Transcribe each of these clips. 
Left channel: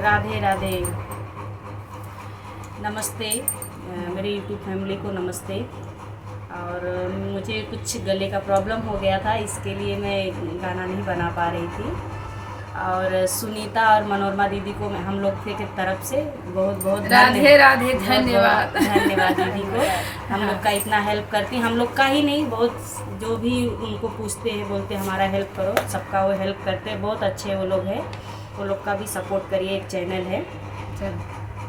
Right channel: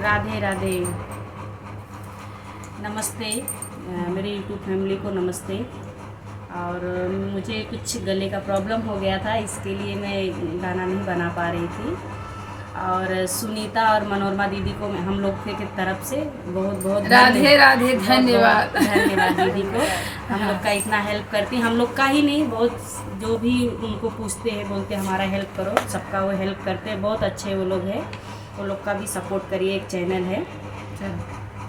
राधे राधे। नमस्ते मेरी YouTube family को नमस्ते। और मुझे कुछ गले का प्रॉब्लम हो गया था, इसके लिए मैं गाना नहीं बना पा रही थी। और सुनीता और मनोरमा दीदी को हम लोग के तरफ से बहुत बहुत राधे राधे, धन्यवाद। धन्यवाद दीदी को। हम लोग का इतना हेल्प करती, हम लोग का ही नहीं, बहुत जो भी उनको पूछते हैं बोलते हमारा हेल्प करो, सबका वो हेल्प करते हैं। बहुत अच्छे वो लोग हैं, वो लोग का भी सपोर्ट करिए। एक चैनल है।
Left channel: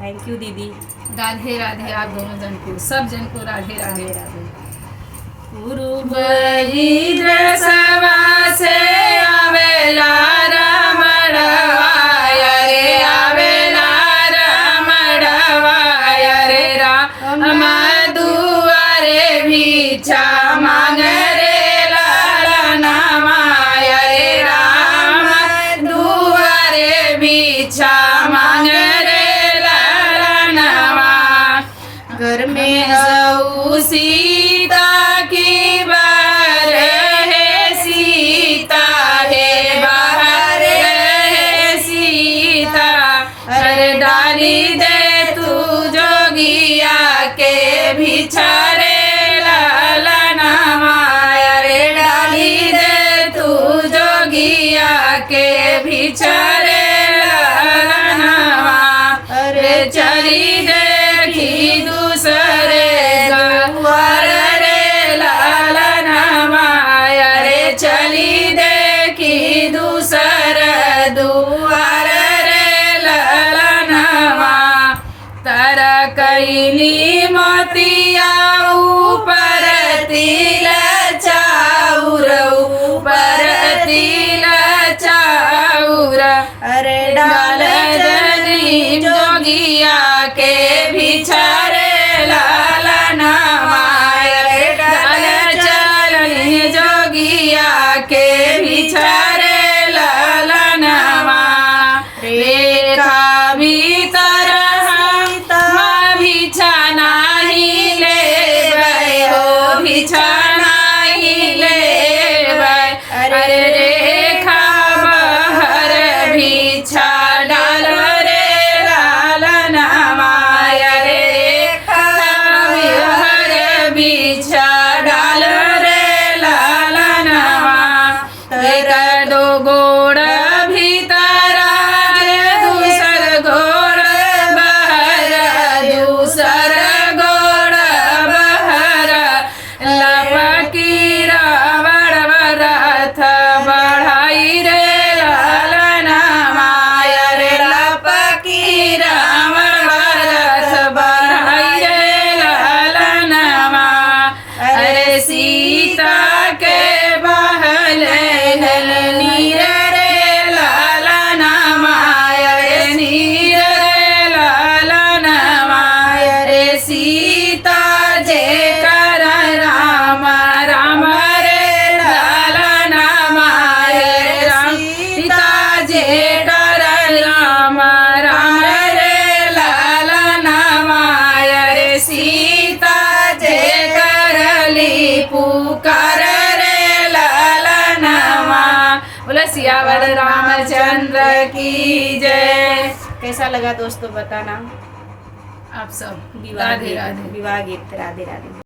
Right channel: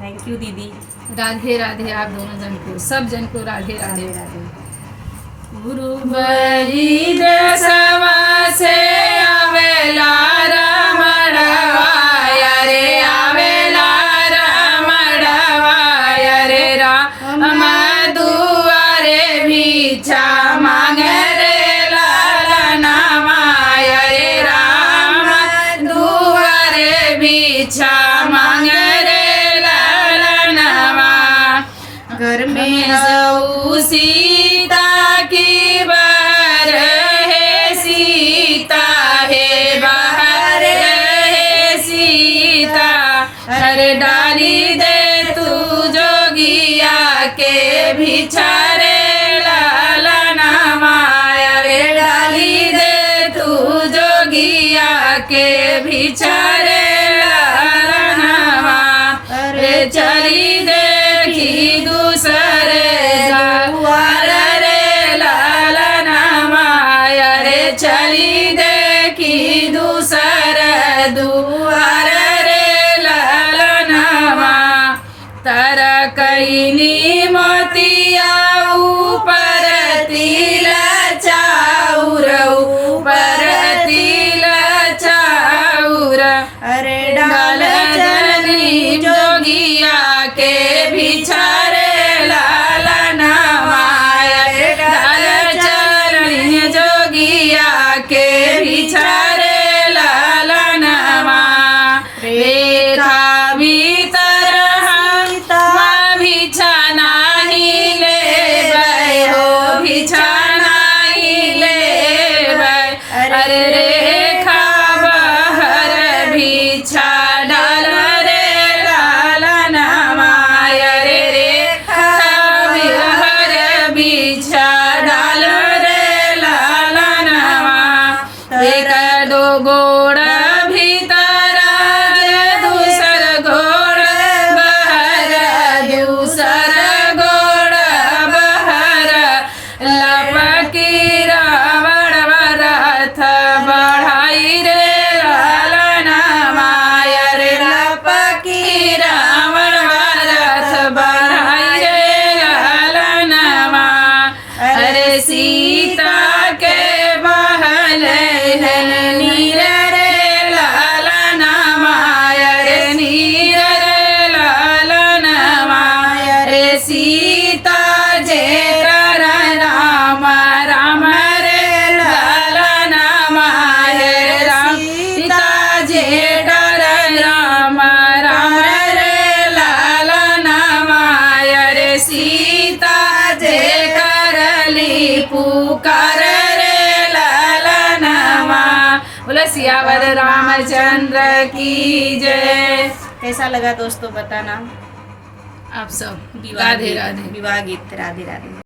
थैंक यू दीदी। राधे राधे। आप दोनों जन को, सब जन को राधे राधे। राधे राधे। गुरु वही दसवा से आवेला रमणवाया रे, आवेला रमणवाया रे, राम दुआरे भिक्षा मांगे रे लालना माया रे, राम दुआरे भिक्षा मांगे रे लालना माया। घर में हऊ सीता की बाहर है, सीता है बाहर है सीता। अरे डाली दे तू जोगिया के भिछारे लालना माया रे, डाली दे तू जोगिया के भिछारे लालना माया। अरे चली देखी दूसरे दुआर रे लालना माया रे, चली देखी दूसरे दुआर रे लालना माया। तारा कैली मोतिया ऊपर तिल चाउर, ऊपर तिल चाउर। अरे डाल जनी जोगिया के भिछारे लालना माया रे, डाल जनी जोगिया के भिछारे लालना माया। रेखा भीतर हम भिछा नहीं लेबै हो, भिछा नहीं लेबै। अरे रेखा बहर भिछा डाल रे लालना माया रे, रेखा बहर भिछा डाल रे लालना माया। तेरा दो गोड़ भीतर जे दूसर गोड़ बहर, दूसर गोड़ बहर। लपकी रावण रथ बढ़ाई रे लालना माया रे, लपकी रावण रथ बढ़ाई रे लालना माया। अरे सीता के बहल नीर रे लालना माया रे, नीर रे लालना माया रे। सीता जे कर राम, राम रे लालना माया रे, सीता जे कर राम, राम रे लालना माया रे। सीता जे करली पुकार रे लालना माया। बोला सियावर रामचंद्र की जय। कैसा लगा दोस्तों बताना। आप सब विवाह राधे गीत, राधे। विवाह गीत राधे राधे।